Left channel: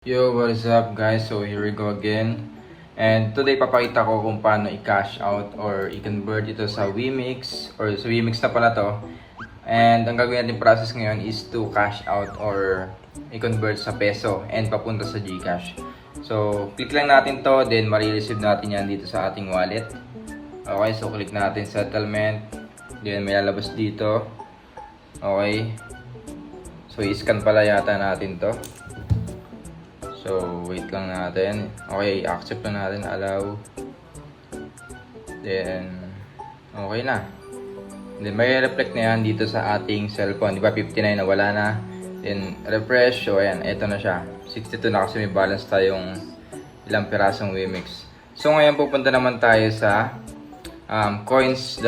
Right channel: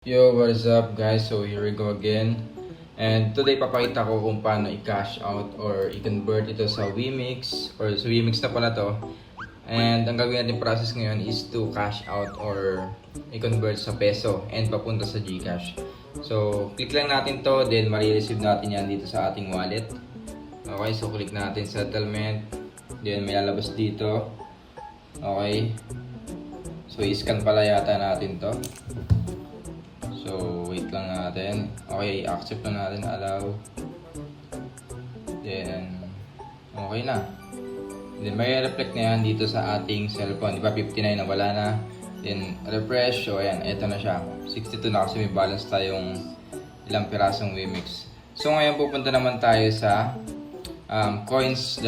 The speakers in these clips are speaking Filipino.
Yo, what is up guys? So here we go again. And today papakita ko kung paano i-cash out or i-convert ito sa Wemix or sa Wemix na pala to. And ang gagawin natin process ngayon is to cash out or i-convert sa peso and papunta sa GCash. So click lang natin to, then marireceive natin yan dito sa ating wallet. Okay, so click natin settlement. Then may lalabas dito. Okay. So i-scan pala yata natin to. So, wait lang natin. Okay, accept na natin, allow. Then, okay na. Then, may reflect na yan dito sa ating cellphone. Di ba, 59 na wala na. Then, refresh. So, ayan, eto na siya. 62 na kasi may balance tayong ilang pirasong Wemix. So, ngayon pupunta naman tayo sa coins.ph.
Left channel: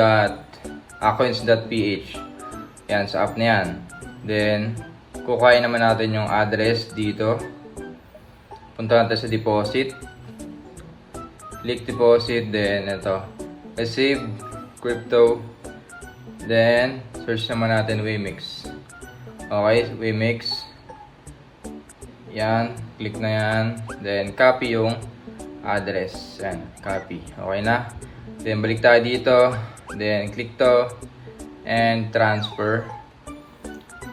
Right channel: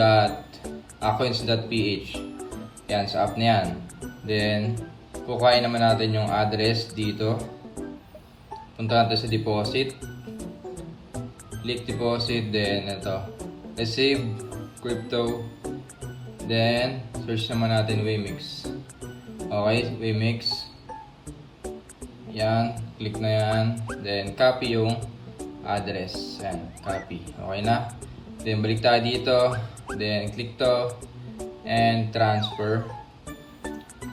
Yan, sa app na yan. Then, kukuhain naman natin yung address dito. Punta natin sa deposit. Click deposit. Then ito. Receive. Crypto. Then search naman natin Wemix. Okay. Wemix. Yan. Click na yan. Then copy yung address. Yan. Copy. Okay na. Then balik tayo dito. Then click to. And transfer.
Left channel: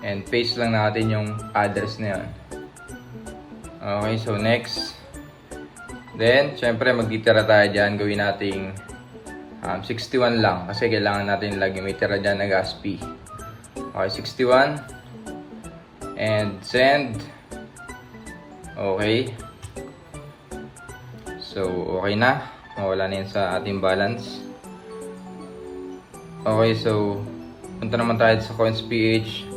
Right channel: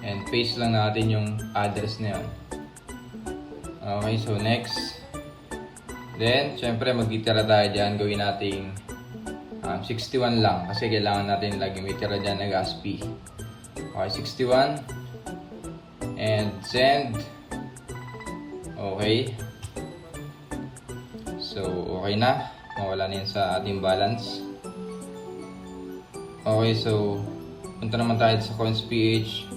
And paste lang natin yung address na yun. Okay, so next. Then, syempre magtitira tayo dyan. Gawin nating 61 lang. Kasi kailangan natin lagi may tira dyan na gas fee. Okay, 61. And send. Okay. So, okay na. Mawala na yun sa ating balance. Okay, so punta naman tayo sa coins.ph.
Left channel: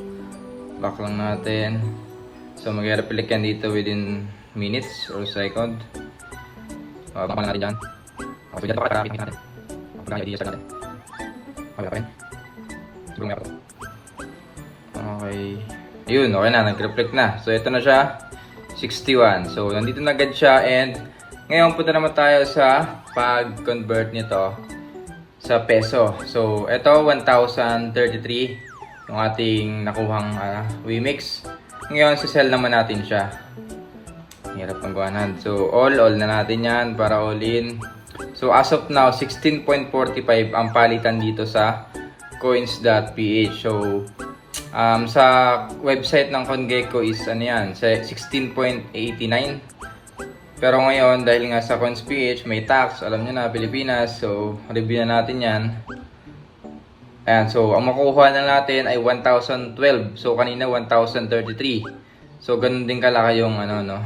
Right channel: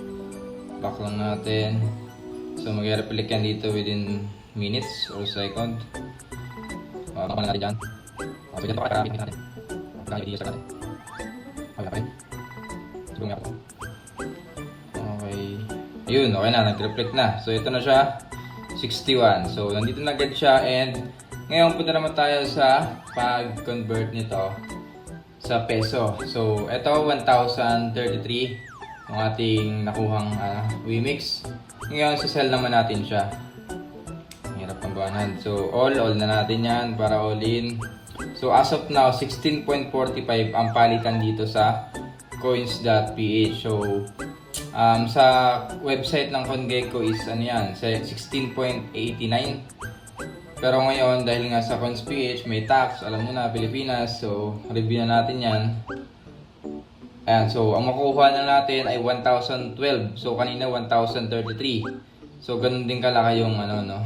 Back lang natin. So, mag-reflect yan dito within minutes or second. Baka natin dyan. So, dyan pa para natin natin. Pagka yung ideas natin. Okay, pa rin. Siguro nga pa ito. Okay. Ayun, okay na. Nag-reflect na. So, ito na siya. 61. So, nandito na agad siya. And, ngayon punta naman tayo sa pag-convert nito sa peso. So, ito 1,033 yung ating nakuhang Wemix. Ngayon, sisell naman natin siya. Hirap ng buwanan. So, all na natin yan para all in. So, as of now, 16.45 ang palitan dito sa coins.ph. So, sa website ng CoinGecko is ano yan, 16.89. Pero ngayon, dahil nga sa coins.ph, may tax. Alam nyo na, Pilipinas. So, review na natin yan. Ayan, so ang makukuha na natin ay 1,012. So kanina 1,033. So ganun din kalaki yung ano no,